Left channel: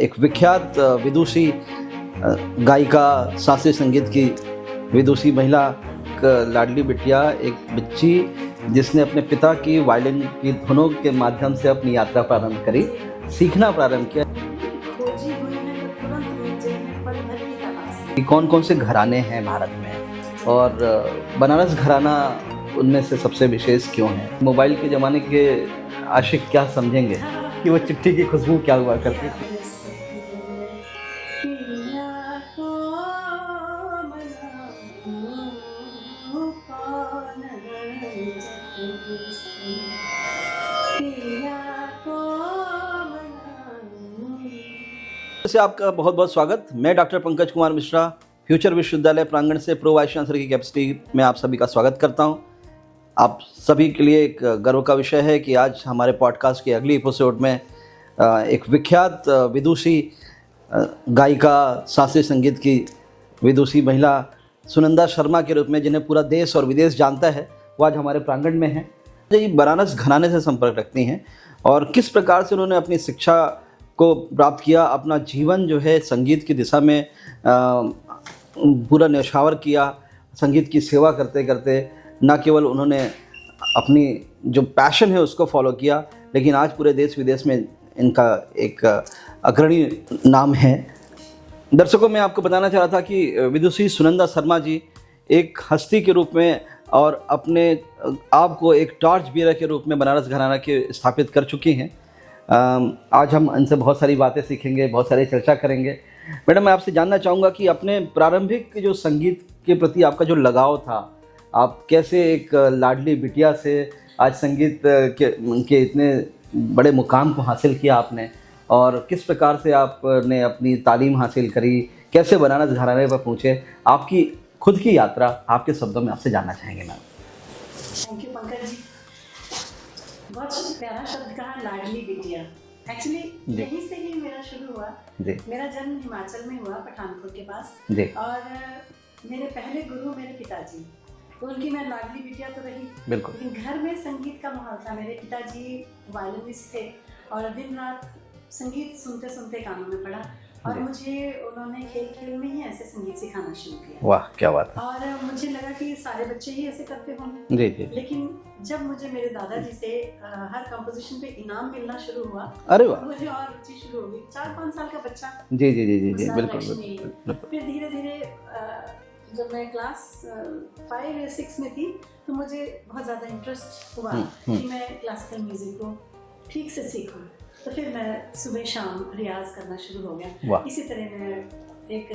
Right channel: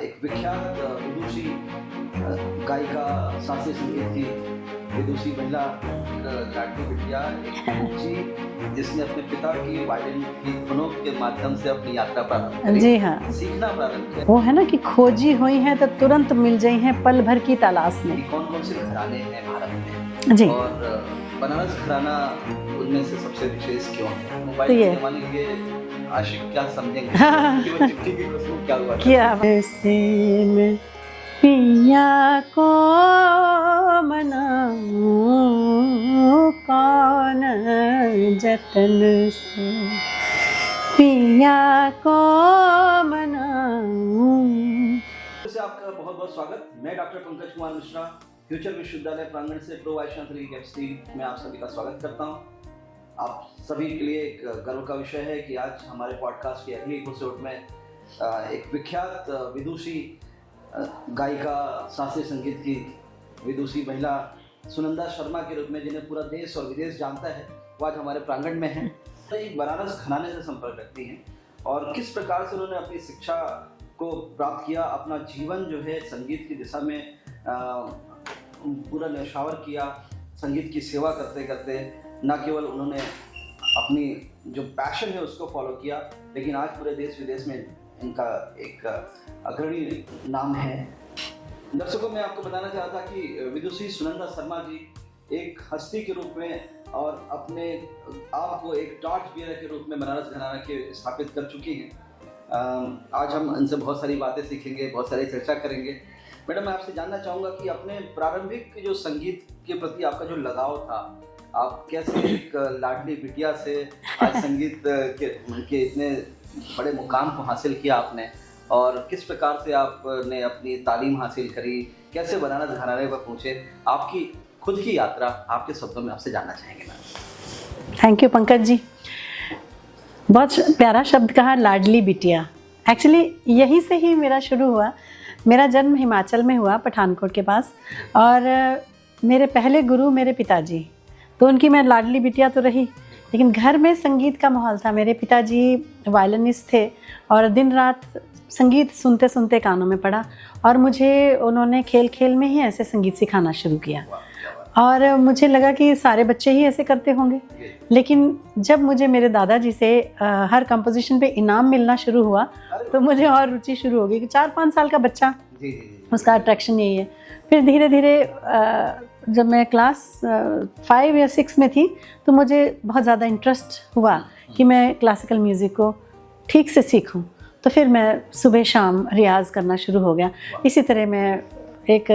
एक विख्यात विदुषी गायिका, शास्त्रीय संगीत की विदुषी महिला, लाडली बिटिया, एक बच्ची जिसने अपने पिता की वायलिन की धुनों के माध्यम से अपनी यात्रा प्रारंभ करी। जी हाँ, सीखना प्रारंभ किया। वो है ना कि खोजी हुई है तो तुरंत मिल जाई हैं पल भर की तलाश में। कौन कौन से घराने हैं भारत में जी। और बनारस घराना उनमें से सबसे विशेष क्यों है? मोबाइल के जमाने के आशिक क्या समझेंगे कि वो चिट्ठी की खुशबू क्या हुआ करती क्या पिया को मनाऊं कौन जतन से, पिया को मनाऊं। से आपका बहुत बहुत स्वागत। मैं डॉक्टर पंकज कुमार मिश्रा, फ्यूचर विश्वविद्यालय प्रांगण से प्रो वाइस चांसलर की कैपेसिटी में आप सभी का स्वागत करता हूं। आप सभी के लिए एक गर्व का विषय है कि आज हमारे पॉडकास्ट के अगली एपिसोड में एक विख्यात विदुषी गायिका, शास्त्रीय संगीत की विदुषी महिला सुनंदा शर्मा के रूप में, जिन्हें पूरा देश और विदेश जानता है, वो आज हमारे प्रांगण में हैं। ये बनारस घराने से संपर्क रखती हैं और किस प्रकार से उन्होंने अपनी शिक्षा को प्राप्त किया, अपना जीवन जो है संगीत की दिशा में पूरा न्यौछावर किया। संगीत की सेवा करते करते न केवल उन्होंने अपनी जो पैशन है उसको फॉलो किया, लेकिन आज पूरे देश विदेश में इनका एक अग्रणी नाम है। दर्शकों, मैं आपको बताना चाह रहा था कि विदुषी सुनंदा शर्मा जी एक हस्ती के रूप में और अपने आप को एक टॉर्च बीयर के रूप में बनारस घराना के स्थापित कर चुकी हैं। आज हम इनसे बहुत सारी बातें सीखेंगे, बहुत सारी चर्चा करेंगे। मैडम, मैं आपसे जानना चाहूँगा कि अपने प्रारंभिक जो संगीत के प्रति आपका जो लगाव था, आप कैसे एक लाडली बिटिया से आज संगीत के इतने बड़े मुकाम को हासिल किया आपने, और किस प्रकार से आपने अपनी तालीम हासिल करी, कैसे बनारस घराने पर पहुँचे, आपकी खुद की यात्रा आपके शब्दों में आपसे जानना चाहेंगे ma'am. Thank you Pankaj ji, बहुत प्यारा शब्द कहा, लाडली बिटिया। एक्चुअली यहीं से ही मेरा शुरू हुआ। मेरा जन्म हिमाचल में हुआ, पठानकोट के पास, और मेरे पहले गुरु मेरे पिताजी, तो उनकी मैं लाडली बिटिया तो रही, लेकिन घर में संगीत का माहौल था। मेरे पिताजी वायलिनिस्ट थे और दिन रात संगीत सुनते सुनते कानों में पड़ा, और मुझे उन्होंने खेल खेल में ही ऐसे संगीत सिखाना शुरू किया। वाह, क्या बात। और मुझे लगा कि सारे बच्चे ही ऐसे करते होंगे। जी। लेकिन जब मुझे मेरे दादाजी से हर कंपोजिशन पे इनाम मिलना शुरू हुआ, तो मुझे और रुचि शुरू हो गई कि 4-5 साल का बच्चा, उसका अट्रैक्शन यही है। फिर धीरे धीरे जब मैं क्लास 5 या 6 में थी, तो मुझे बहुत ज़्यादा इंटरेस्ट हुआ कि मैं क्लासिकल म्यूज़िक को ठीक से सीखूं। तो फिर मैं सुबह शाम रियाज़ करना शुरू हो गया। इसी तरह मैं एक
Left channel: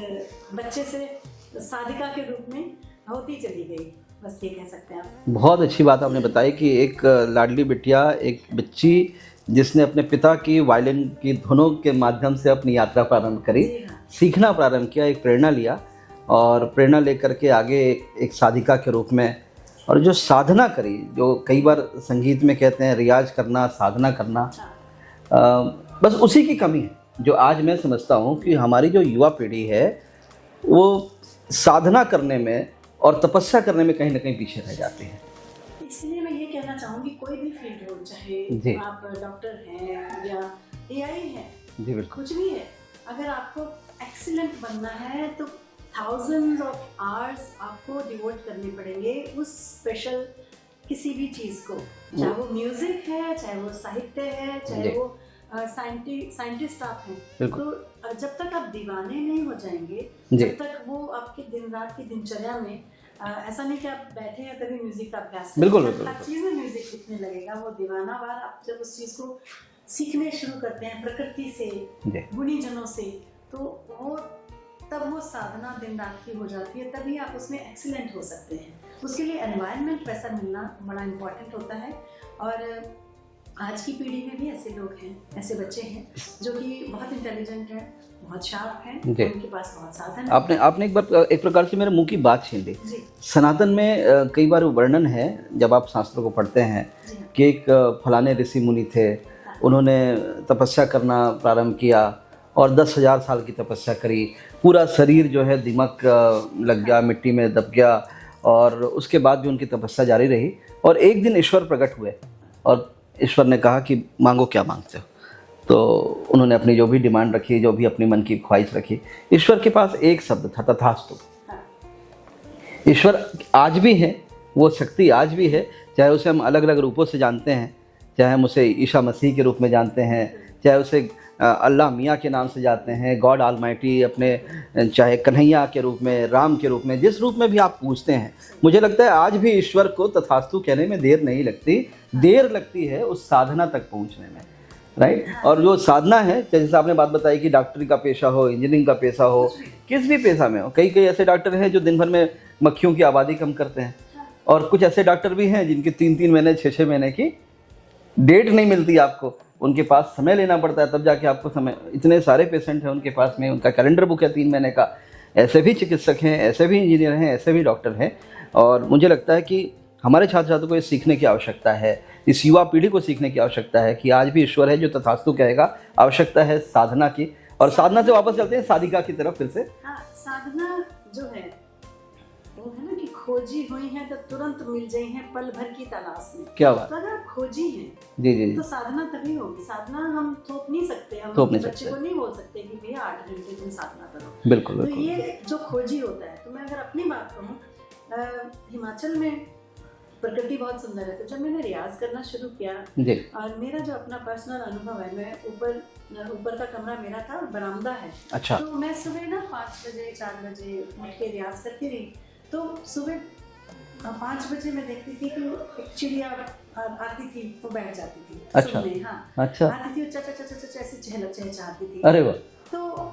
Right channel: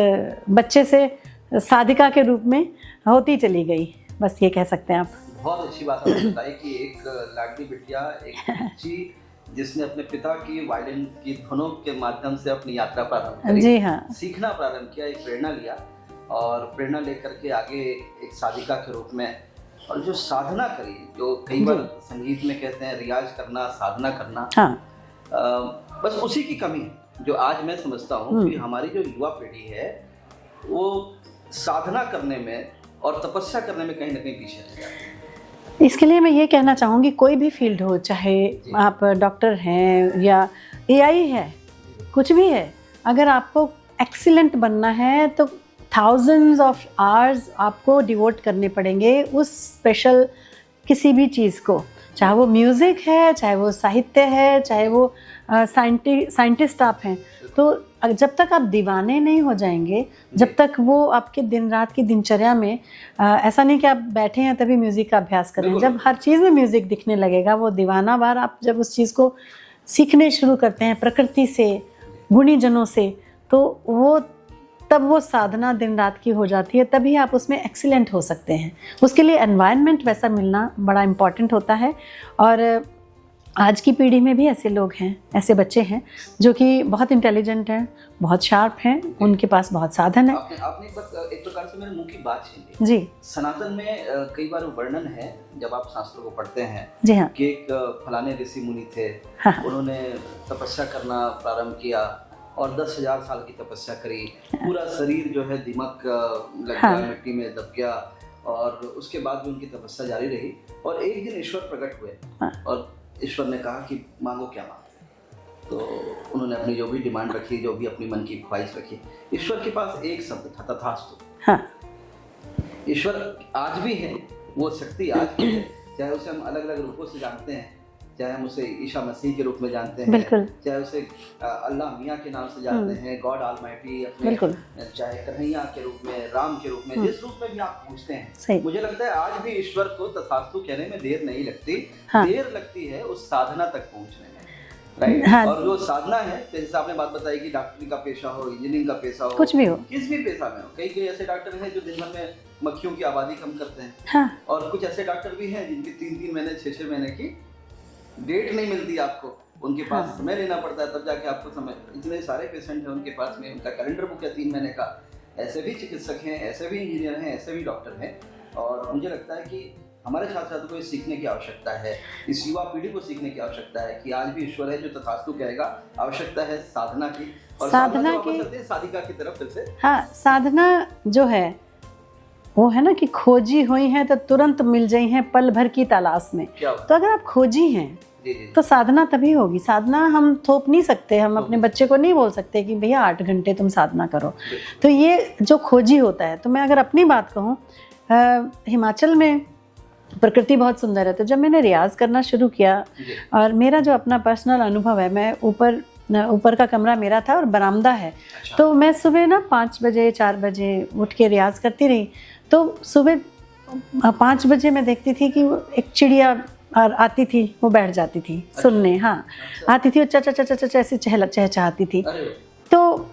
बच्चे से साधिका के रूप में होती चली गई, बस ये कह सकते हैं आप। बहुत अच्छी बात आपने बताई कि एक लाडली बिटिया, एक बच्ची जिसने अपने पिता की वायलिन की धुनों के माध्यम से अपनी यात्रा प्रारंभ करी। जी हाँ, सीखना प्रारंभ किया, एक प्रेरणा लिया, और प्रेरणा लेकर के आगे एक साधिका के रूप में, और जो साधना करी, जो कई बार संगीत में कहते हैं रियाज करना, साधना करना। हाँ। बस उसी की कमी है जो आज मैं समझता हूँ कि हमारी जो युवा पीढ़ी है वो साधना करने में और तपस्या करने में कहीं ना कहीं पीछे रह जाती है। इसके लिए मैं ये कहना चाहूँगी, कोई भी फील्ड हो, चाहे आप डॉक्टर हैं या एआई है, कुछ भी है, अगर आपको एक्सीलेंट बनना है तो thousands of hours आपको डिवोट करने पड़ेंगे उस स्पेशल किसी भी चीज़ को, चाहे वो म्यूज़िक है, चाहे वो साहित्य है, चाहे वो साइंटिस्ट आप हैं। तो जब तक आप दीवाने नहीं हो जाएंगे, जब तक वो आपके दिन रात की दिनचर्या में ऐसा नहीं कि आप बैठे हैं तभी म्यूज़िक का अभ्यास करें। जब हर चीज़ में म्यूज़िक दिखने लगेगा, वो दीवाना बार आप जब उस चीज़ को सीखने शुरू करते हैं प्रकृति से, गुणीजनों से, तो तब वो साधना दिन रात की हो जाती है, तभी आप उसमें एक्सीलेंट हो सकते हैं। उसके लिए एनवायरनमेंट वैसा मिलना बड़ा इम्पॉर्टेंट होता है, और आज की पीढ़ी में भी ऐसे लोग हैं, ऐसे बच्चे हैं जो कि बहुत इंटेलिजेंट हैं, बहुत शार्प हैं, उनके पास बहुत साधन है। आपने एक प्रकार से मेरे मुंह की बात छीन ली। जी। सनातन में कई बार वर्णन है, जब आप शास्त्रों को पढ़ते हैं, जी हाँ, कि एक फलाने ऋषि मुनि थे, हाँ, उन्होंने तपस्या करना प्रारंभ किया और 10,000 साल की तपस्या करी, पूरा शरीर जो है दिमक लग गया, मिट्टी में दब गया, और उसके बाद भी उनकी तपस्या जारी रही, और एक दिन ईश्वर प्रकट हुए और ईश्वर ने कहा कि मांगो क्या मांगते हो। तो उन्होंने अपनी जो भी डिमांड रखी, जो भी अपनी मन की ख्वाहिश रखी, ईश्वर के पास एक शब्द था, तथास्तु। हाँ। ईश्वर आज भी है, वो शक्ति आज भी है, चाहे उसे हम अलग अलग रूपों से जानते हैं, चाहे हम उसे ईसा मसीह के रूप में जानते हैं, चाहे उसे अल्लाह मियाँ के नाम से जानते हैं, गॉड ऑलमाइटी, अपने चाहे कन्हैया के रूप में, राम के रूप में, जिस रूप में भी आप पूछते हैं, मुझे लगता है आज भी ईश्वर को तथास्तु कहने में देर नहीं लगती। हाँ। देर लगती है उस साधना तक पहुंचने में, राइट। हाँ। और जो साधना है, जैसे आपने बात बताई कि डॉक्टरी का पेशा हो, इंजीनियरिंग का पेशा हो, कुछ भी हो, किस भी पेशा में हो, कई ऐसे डॉक्टर हैं जो दिन भर में मक्खियों की आबादी कम करते हैं। हाँ। और कुछ ऐसे डॉक्टर भी हैं जिनकी 3-3 महीने 6-6 महीने की डेट नहीं मिलती आपको, उनके पास समय लेना पड़ता है, तब जाके आपको समय। इतने सारे पेशेंट हैं उनके पास में, उनका कैलेंडर बुक है 3 महीने का। ऐसे भी चिकित्सक हैं, ऐसे भी इंजीनियर हैं, ऐसे भी डॉक्टर हैं। और मुझे लगता है कि हमारे छात्र छात्रों को ये सीखने की आवश्यकता है, इस युवा पीढ़ी को सीखने की आवश्यकता है कि आज भी ईश्वर है जो तथास्तु कहेगा। आवश्यकता है साधना की, और साधना से वापस चलते हैं साधिका की तरफ फिर से। हाँ, साधना जो है वो है ना कि खोजी हुई है तो तुरंत मिल जाई हैं पल भर की तलाश में। क्या बात? तो अगर आप खोजी हैं जी। तो साधना तभी होगी। साधना हम थोप नहीं सकते, हम अपने बच्चे को नहीं बोल सकते कि भैया 8 घंटे तुम साधना करो। बिल्कुल। तो ये जो खोजी होता है, तो मैं अगर अपनी बात कहूँ, हिमाचल में प्रकृति बहुत सुंदर है। तो जब मैंने रियाज करना शुरू किया, और मेरा जो अपना पर्सनल अनुभव है, मैं ऊपर का कमरा मेरा था और बरामदा है। अच्छा। तो मैं सुबह ना 5 बजे 4 बजे उठ के रियाज करती रही। तो सुबह 5 बजे मैं देखती थी कि एक चिड़िया आती थी, वो बैठ जाती थी। अच्छा। सुनने। हाँ। अच्छा। आती थी और चा ऐसे चहचहाती थी। अरे वाह। तो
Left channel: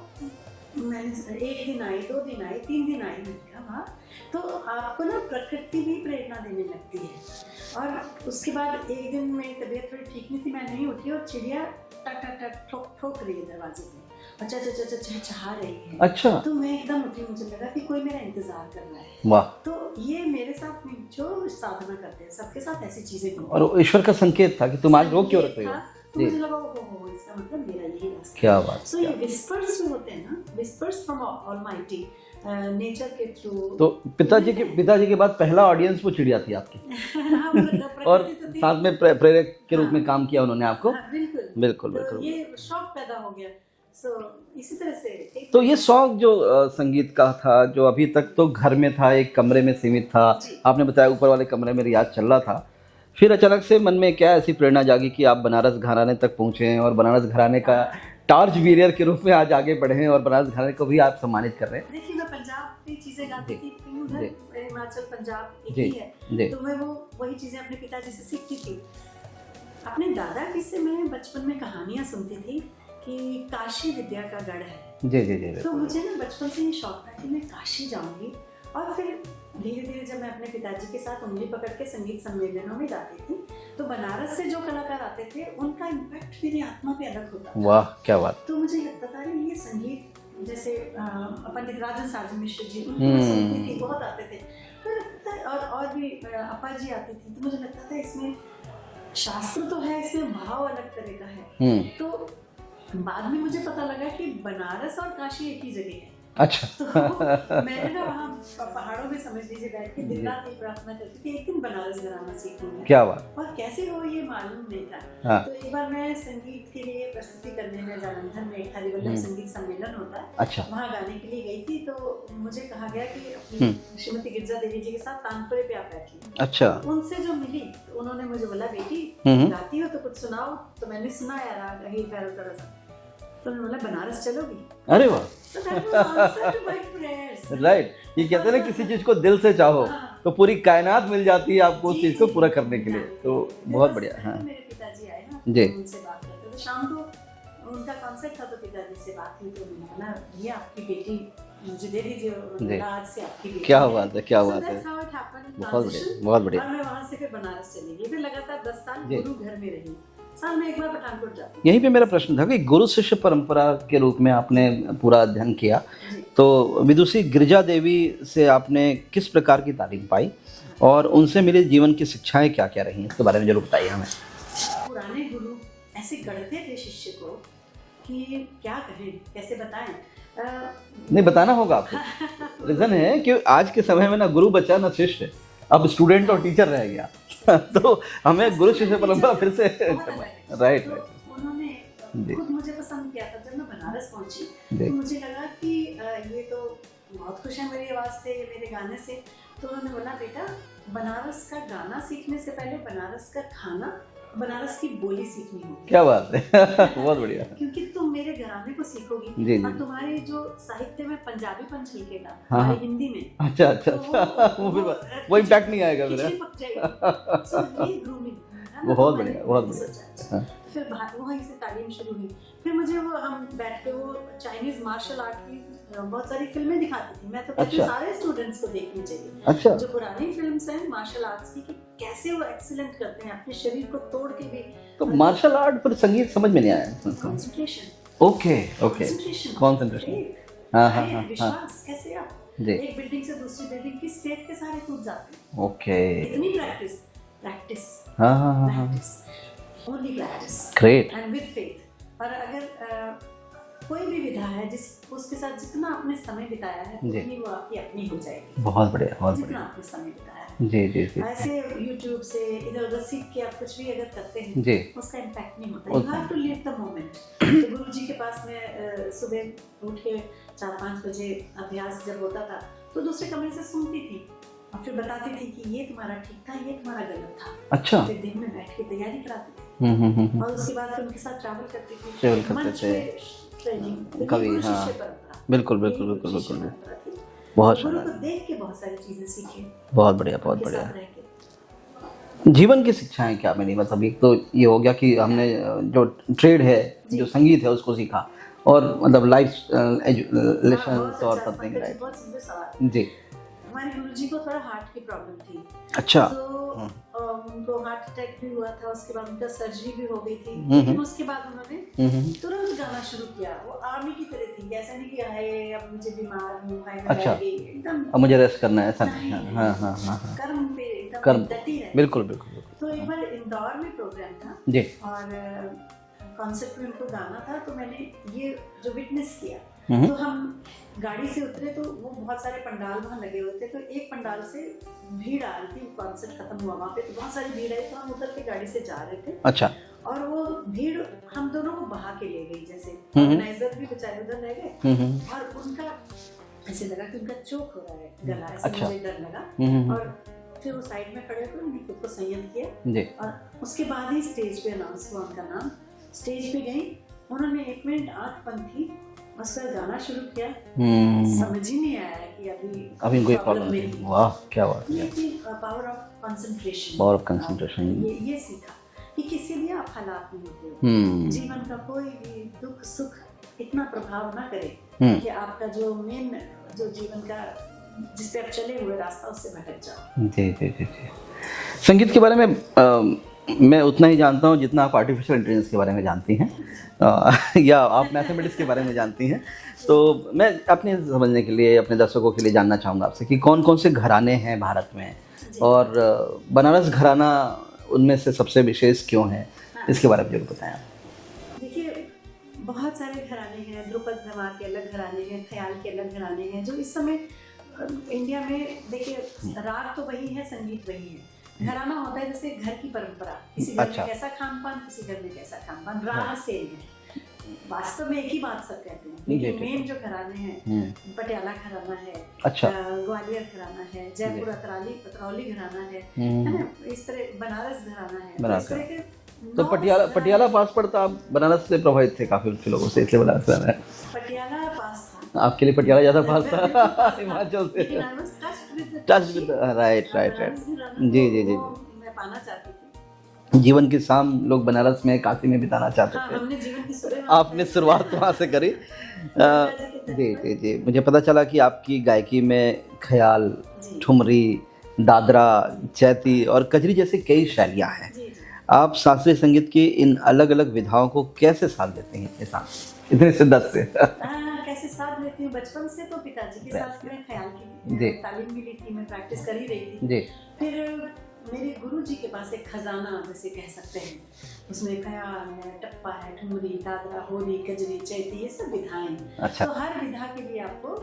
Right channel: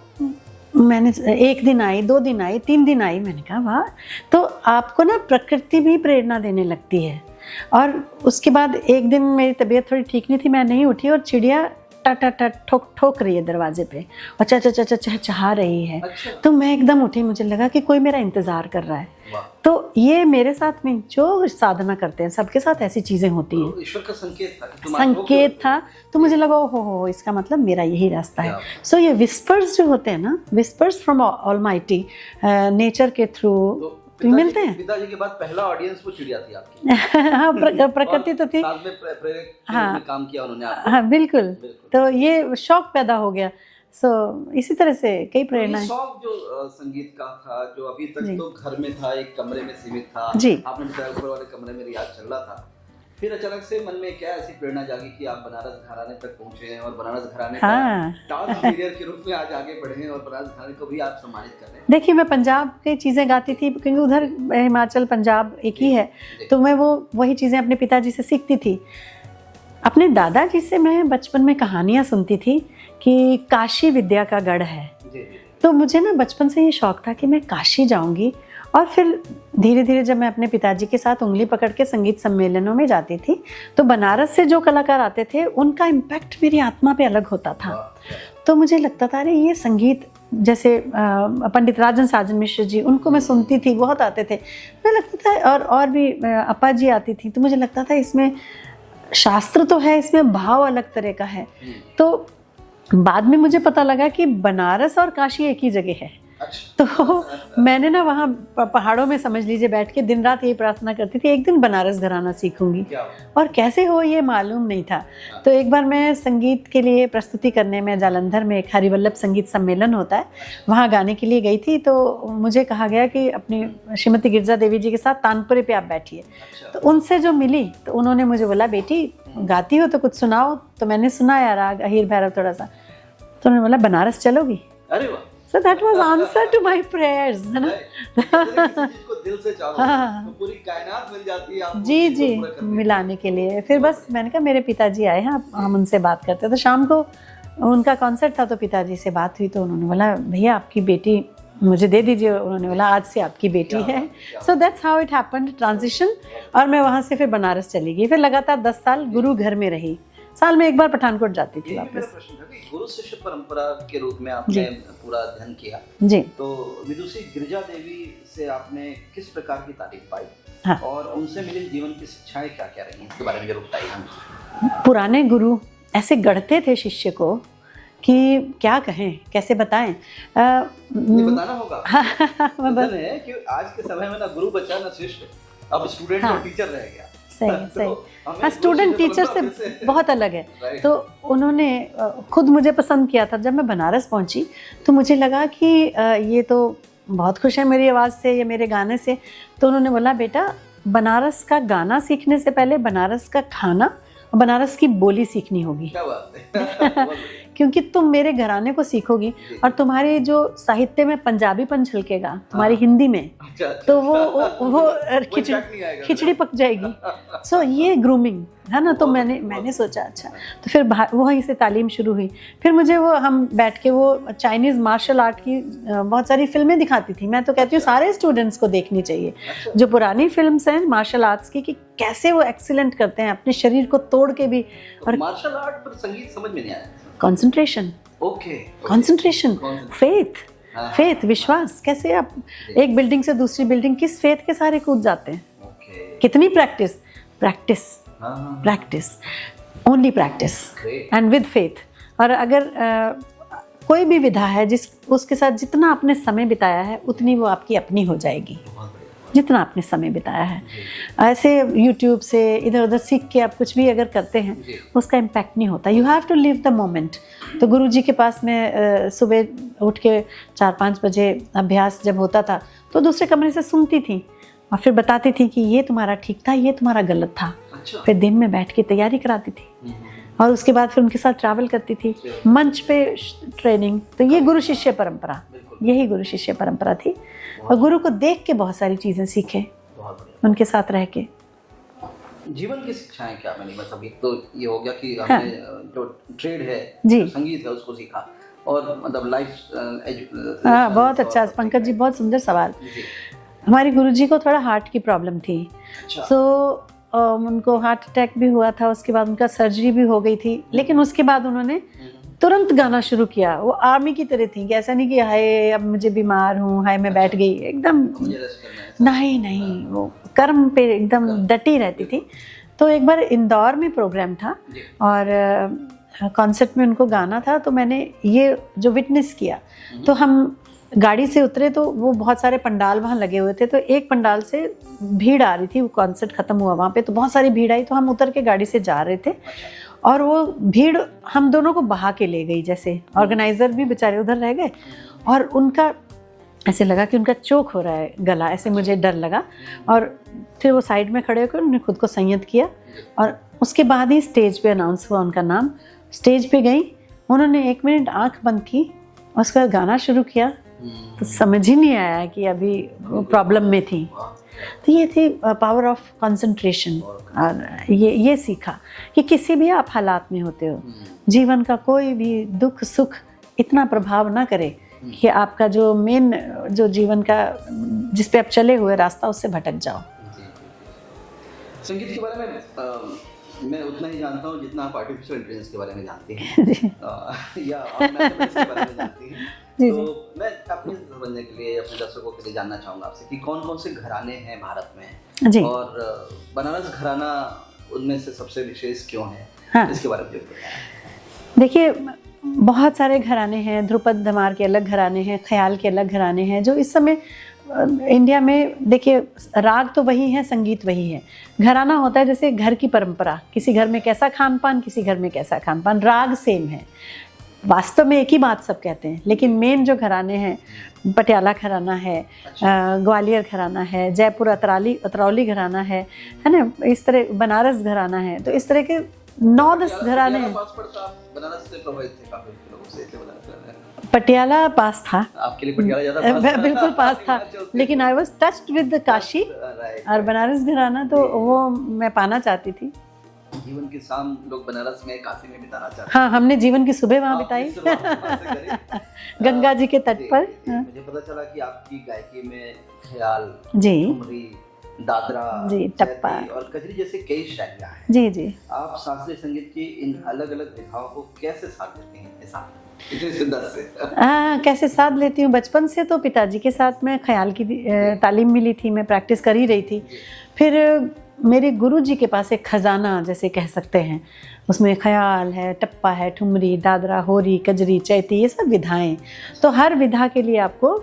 मैंने 1 दिन आई, 2 दिन आई, 3 दिन आई, मैंने कहा वाह। तो आपको ना प्रकृति भी प्रेरणा देने लगती है। और उसके बाद एक दिन मेरी तबीयत थोड़ी ठीक नहीं थी, मैं नहीं उठी, और चिड़िया ठोक रही है दरवाजे पे और चहा रही है। अच्छा। तो मैं एकदम उठी, मुझे लगा कि कोई मेरा इंतजार कर रहा है। वाह। तो ये मेरे साथ में जो साधना करते हैं सबके साथ ऐसी चीजें होती हैं। ईश्वर का संकेत था कि संकेत था। तो मुझे लगा हो इसका मतलब मेरा यही रास्ता है। सो ये विस्पर्स जो होते हैं ना, विस्पर्स फ्रॉम ऑलमाइटी, नेचर के थ्रू। तो पिताजी के बाद पहला ऑडियंस वो चिड़िया थी आपकी। हाँ, प्रकृति तो थी, साथ में प्रेरक के रूप में काम किया उन्होंने आपको। हाँ, बिल्कुल। तो ये शौक पैदा हो गया। इसी तरह से कई तो ये शौक जो संगीत का था, जो अभी तक तो घर में था, एक कमरे में सीमित था, आपने बताया ऊपर वाले कमरे में रियाज चल रहा था, फिर अचानक से मन में क्या ऐसी प्रेरणा जागी कि आप बनारस घराने तक पहुंचे और बनारस घराने का टॉर्च बीरियर के रूप में आज आगे बढ़े हैं और बनारस घराने को भी आप सम्मानित कर रहे हैं। देखिए, मैं पंजाब की चीज़ें गाती थी क्योंकि उधर हिमाचल पंजाब एक ही है, तो मैं वही चीज़ें अपने पिताजी से सीखती थी। अपने दादाजी से मैं बचपन में कहानियाँ सुनती थी कि काशी विद्या का गढ़ है। जी। तो मुझे ना बचपन से ये शौक था कि मैं काशी जाऊंगी। और फिर धीरे धीरे जब मैं अपने पिताजी के साथ उंगली पकड़ के संगीत सम्मेलनों में जाती थी, तो बनारस से जो कलाकार आते थे उनका इम्पैक्ट मेरी आत्मा पे अलग होता था। वाह, क्या बात। तो मुझे लगता था अरे ये संगीत, जैसे पंडित राजन साजन मिश्र जी, उनको मैं सुनती थी, बहुत आते थे, मुझे लगता था। और भी अपा जी आती थी, तो मुझे लगता था इसमें शास्त्र तो है, इसमें भाव अलग तरह का है। तो बाद में मुझे पता लगा कि बनारस और काशी एक ही जगह है। अच्छा। तो मैंने ना वहाँ पहाड़ों में समझ लीजिए बैठ के दिन रात यही प्रार्थना करती थी, एक दिन बनारस घराना सीखूंगी। क्या बात। और कैसे हो ये मालूम नहीं था। हाँ। तो एक बार मैं संगीत के लिए प्रस्तुति करने में जालंधर में एक हरिवल्लभ संगीत सम्मेलन होता है। अच्छा। वहाँ गाने के लिए गई थी। तो मुझे कहा गया कि अपनी श्रीमती गिरजा देवी जी के साथ तानपुरे पे आप बैठिए। अच्छा। तो उनसे जो मिली तो उन्होंने मुझे बोला, बेटी गाती हो तो कुछ सुनाओ। तो मैंने सुनाया राग अहीर भैरव थोड़ा सा। तो उन्होंने बोला, बनारस चलोगी? अरे वाह। So that was answer to my prayers. Right. कहते हैं ना, किसी चीज को दिल से चाहो तो पूरी कायनात मिल जाती है आपको उस चीज को पूरा करने मिलाने के लिए। फिर बस मैंने कहा मेरे पिताजी आए हैं, हम उनसे बात करते। तो शाम को उनका कॉन्सर्ट था, तो पिताजी से बात हुई, तो उन्होंने बोला, भैया आपकी बेटी मुझे दे दीजिए। उन्होंने बोला, आज से आपकी बेटी है। So that's how it happened, transition। और मैं वहाँ से फिर बनारस चली गई। फिर लगातार 10 साल गुरु घर में रही, साल में एक बार पठानकोट जाती थी। यहीं पे मेरा प्रश्न था कि गुरु शिष्य परंपरा के रूप में आपने पूरा अध्ययन किया जी। तो विदुषी गिरजा देवी से आपने किस प्रकार की तालीम पाई? हाँ। और उनसे मिली जीवन की शिक्षाएं क्या क्या रही, इसके बारे में जरूर बताइए हमें। पुराने गुरु ऐसे गढ़ते थे शिष्य को कि क्या कहें, कैसे बताएं। नहीं, बताना होगा। रीजन है कि आज के समय में ना गुरु बचा ना शिष्य, अब स्टूडेंट और टीचर रह गया। तो हमें गुरु स्टूडेंट शिष्य टीचर परंपरा फिर से बहुत अलग है। राइट। तो उन्होंने खुद मुझे पसंद किया था। जब मैं बनारस पहुंची तो मुझे लगा कि ये तो बहुत खुश है मेरी आवाज़ से या मेरे गाने से। तो उन्होंने बोला बेटा बनारस का गाना सीखने से पहले बनारस का खाना और बनारस की बोली सीखनी होगी। क्या बात है बहुत बढ़िया। क्योंकि तुम मेरे घराने को सीखोगी जी, और जी। तुम्हारे जो साहित्य में पंजाबीपन झलकेगा हमारी हाँ। हिंदी में, अच्छा अच्छा तो वो वो impact नहीं आएगा खिचड़ी पक जाएगी। सो ये ग्रूमिंग है ना। तो बहुत मैंने बढ़िया, बहुत सोचा अच्छा। हाँ। तो फिर वहीं से तालीम शुरू हुई। फिर मुझे वो हम बैठ के वो चाइनीज मार्शल आर्ट की बहुत सारी फिल्में दिखाती थी। मैं तो कहती हूँ अच्छा। सारे स्टूडेंट्स को देखनी चाहिए अच्छा। जो पुरानी फिल्म्स हैं मार्शल आर्ट्स की, कि कैसे वो एक्सीलेंट करते हैं अपने शरीर को तोड़ के भी। तो मार्शल आर्ट पर संगीत समझ में नहीं आया। कंसंट्रेशन, ओके कंसंट्रेशन, फेथ, हाँ, फेथ, हाँ, विश्वास। कैसे आप जी। एक बिल्डिंग से दूसरी बिल्डिंग किस फेथ के सारे कूद जाते हैं। ओके। कितनी प्रैक्टिस, प्रैक्टिस, हाँ हाँ हाँ, practice, only practice great. And with faith. और अगर कोई भी विधा है जिस उसके साथ जितना आपने समय बिताया है उतनी वो आपकी अपनी हो जाएगी। बहुत बढ़िया, बहुत जितना आपने समय बिताया है। जी जी ऐसे YouTube से इधर उधर सीख के आप कुछ भी अगर करते हैं जी। उसका इम्पैक्ट नहीं होता। You have to live the moment. तो गुरुजी के पास मैं सुबह उठ के 4-5 बजे अभ्यास जब होता था तो दूसरे कमरे से सुनती थी और फिर बताती थी कि ये तुम्हारा ठीक था, ये तुम्हारा गलत था। अच्छा। फिर दिन में बैठ के तैयारी कराती थी और उसके बाद फिर उनके साथ ट्रैवल करती थी, मंच पे ट्रेनिंग। तो ये गुरु शिष्य परंपरा, बिल्कुल यही गुरु शिष्य परंपरा थी। और गुरु को देख के बहुत सारी चीजें सीखे, बहुत बढ़िया, उनके साथ रह के। जीवन की शिक्षाएं क्या मिली? मतलब अभी तो ये हो गया कि हमने जो ट्रेड है, जो संगीत है उसको सीखा, और मतलब लाइफ। हाँ, बहुत अच्छा पंकज जी, बहुत सुंदर सवाल। जी। हमारे गुरुजी को थोड़ा हार्ट की प्रॉब्लम थी। अच्छा। तो उनको हार्ट अटैक भी हुआ था, उसके बाद उनका सर्जरी भी हो गई थी। लेकिन उसके बाद उन्होंने तुरंत गाना शुरू किया। वो आर्मी की तरह थी कि ऐसा नहीं कि हाय अब मुझे बीमार हूँ, हाय मैं बैठ गई, एकदम अब मुझे रेस्ट करना है, ऐसा नहीं नहीं, कर्म पे एकदम डटी रहती थी। तो एक बार इंदौर में प्रोग्राम था और कॉन्सर्ट में उनको गाना था। तो मैंने ये जो विटनेस किया, तो हम गाड़ी से उतरे तो वो बहुत सारे पंडाल वहाँ लगे हुए थे। तो एक पंडाल से भीड़ आ रही थी, वो कॉन्सर्ट खत्म हुआ वहाँ पे, तो बहुत सारी भीड़ आई। तो हम उतर के गाड़ी से जा रहे थे। अच्छा। और वो भीड़ हम दोनों को बहा के ले गई। जैसे ऑर्गेनाइजर भी बेचारे उधर रह गए और उनका ऐसे लगा कि उनका चोक हो रहा है गला, ऐसे मुझे डर लगा। और फिर वो साइड में खड़े होकर उन्होंने खुद को संयत किया और उसके बाद ही स्टेज पे अनाउंस हुआ उनका नाम। स्टेज पे गई, उन्होंने 1 मिनट आंख बंद की, उसके बाद गाना शुरू किया। तो समझ ही नहीं आया कि अभी प्रॉब्लम में थी। वाह, क्या बात। तो ये थी पावर ऑफ कंसंट्रेशन। और ये सीखा कि किसी भी आप हालात में होते हो, जीवन का कोई भी दुख सुख इतना प्रभाव ना करे कि आपका जो मेन जो जीवन का जिस पे आप चले हुए रास्ता उससे भटक जाओ। जी जी जी जी। संगीत के बारे में मैं उतना ही जानता हूँ जितना आप आर्टिफिशियल इंटेलिजेंस के बारे में जानती हैं या आप मैथमेटिक्स के बारे में जानती हैं। तो मैं अपने समझने के लिए, अपने दर्शकों के लिए जानना चाहूँगा आपसे कि कौन कौन से घराने हैं भारत में जी। और बनारस घराना उनमें से सबसे विशेष क्यों है? हाँ। इसके बारे में जरूर बताएं। देखिए, बहुत सारे घराने हैं। ध्रुपद धमार के अलग घराने हैं, ख्याल के अलग घराने हैं जो इस समय इंडिया में। देखिए, राग तो वही है, संगीत वही है। घराना होता है जैसे घर की परंपरा, किसी घर में कैसा खान पान, किसी घर में कैसा खान पान, राग सेम है। वास्तव में एक ही बात सब कहते हैं, लेकिन मेन जो घराने हैं, पटियाला घराना है, ग्वालियर घराना है, जयपुर अतरौली घराना है ना, इस तरह बनारस घराना है। तो इस तरह के 9-10 घराने। पटियाला पास पड़ता, आप बनारस से प्रभावित थे काफी लोगों से, इसलिए बनारस रहना है। पटियाला पास था आपके लिए, पटियाला ज्यादा पास था। बिल्कुल पास था, लेकिन I was touched with Kashi और बनारस घराना, तो वो मैं पाना चाहती थी। जीवन की शाम लोग बनारस में, काशी में बिताना चाहते हैं। हाँ, हमने जीवन की सुबह वहाँ बिताई। आपने शुरुआत वहाँ से करी गंगा जी के तट पर। जी। मुझे पता चला कि आपकी गायकी में ख्याल, ठुमरी, दादरा, चैती और कजरी जैसी कई शैलियाँ हैं। जी जी। आप शास्त्रीय संगीत की इन अलग अलग विधाओं को कैसे साथ देते हैं इतने शिद्दत से? कैसे साथ लेती हूँ? बचपन से तो पिताजी के साथ में ख्याल की तालीम मिली थी, मैं प्रैक्टिस कर ही रही थी। फिर मेरे गुरुजी के पास एक खजाना जैसे कह सकते हैं, उसमें ख्याल है, टप्पा है, ठुमरी, दादरा, होरी, कजरी, चैती, ये सब विधाएं। तो हर विधा के लिए आपको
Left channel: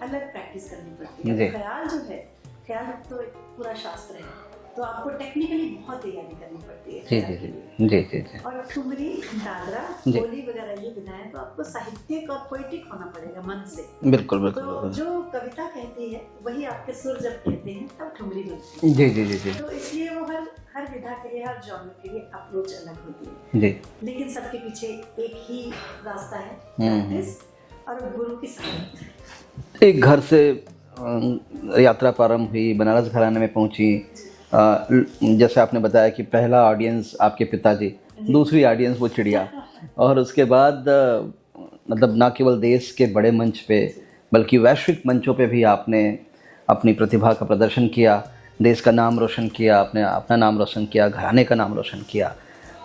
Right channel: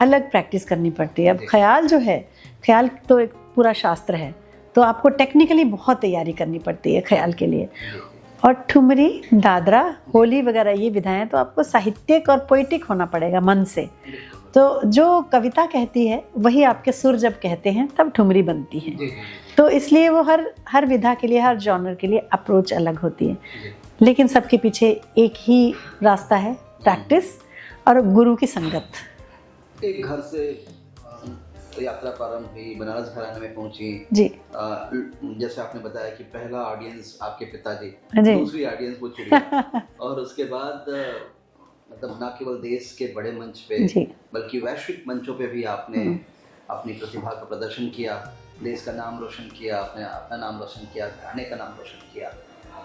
अलग प्रैक्टिस करनी पड़ती है। अब ख्याल जो है, ख्याल तो एक पूरा शास्त्र है, तो आपको टेक्निकली बहुत तैयारी करनी पड़ती है ख्याल के लिए। जी जी जी। और ठुमरी, दादरा, होली वगैरह ये विधाएं तो आपको साहित्यिक और पोइटिक होना पड़ेगा मन से। बिल्कुल बिल्कुल। तो जो कविता कहती है वही आपके सुर जब कहते हैं तब ठुमरी बनती है। जी जी जी जी। तो इसलिए वो हर विधा के लिए, हर जॉनर के लिए अप्रोच अलग होती है जी। लेकिन सबके पीछे एक ही रास्ता है, प्रैक्टिस और गुरु की संगत। एक घर से यात्रा प्रारंभ हुई, बनारस घराने में पहुंची जी। जैसे आपने बताया कि पहला ऑडियंस आपके पिताजी, दूसरी ऑडियंस वो चिड़िया, और उसके बाद मतलब ना केवल देश के बड़े मंच पे बल्कि वैश्विक मंचों पे भी आपने अपनी प्रतिभा का प्रदर्शन किया, देश का नाम रोशन किया, आपने अपना नाम रोशन किया, घराने का नाम रोशन किया,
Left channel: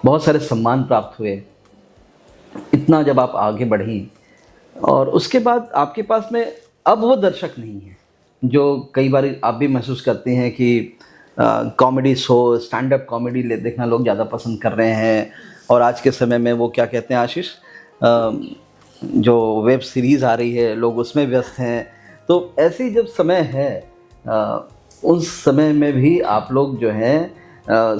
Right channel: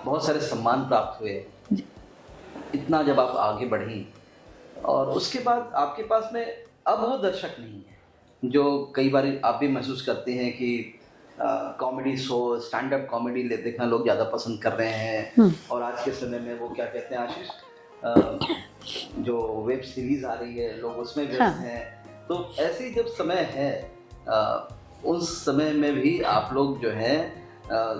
बहुत सारे सम्मान प्राप्त हुए। इतना जब आप आगे बढ़ी और उसके बाद आपके पास में अब वो दर्शक नहीं है जो कई बार आप भी महसूस करते हैं कि comedy show, stand up comedy देखना लोग ज़्यादा पसंद कर रहे हैं। और आज के समय में वो क्या कहते हैं आशीष, जो वेब सीरीज़ आ रही है लोग उसमें व्यस्त हैं। तो ऐसी जब समय है उस समय में भी आप लोग जो हैं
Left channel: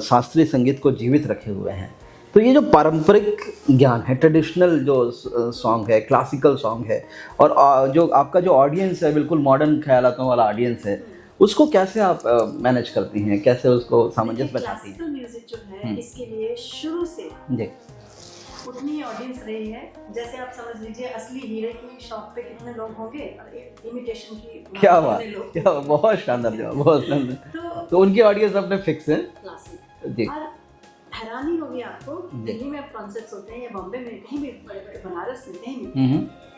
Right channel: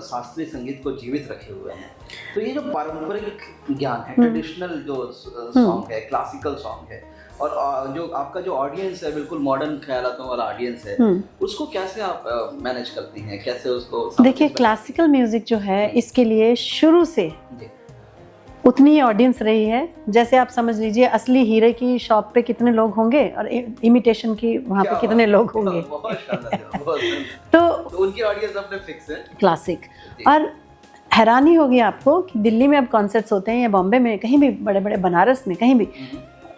शास्त्रीय संगीत को जीवित रखे हुए हैं। तो ये जो पारंपरिक ज्ञान है, ट्रेडिशनल जो सॉन्ग है, क्लासिकल सॉन्ग है, और जो आपका जो ऑडियंस है बिल्कुल मॉडर्न ख्यालातों वाला ऑडियंस है, उसको कैसे आप मैनेज करती हैं, कैसे उसको? देखिए, क्लासिकल म्यूजिक जो है इसके लिए शुरू से उतनी ही ऑडियंस रही है। जैसे आप समझ लीजिए असली हीरे की शॉप पे कितने लोग होंगे और इमिटेशन की वहाँ पे कितने लोग होंगे। बहुत शानदार, बहुत शानदार। तो उनकी ऑडियंस अपने फिक्स है क्लासिक। और हैरानी होगी आपको कि दिल्ली में अब कॉन्सर्ट्स होते हैं या बॉम्बे में, कहीं भी बड़े बड़े, बनारस में, कहीं भी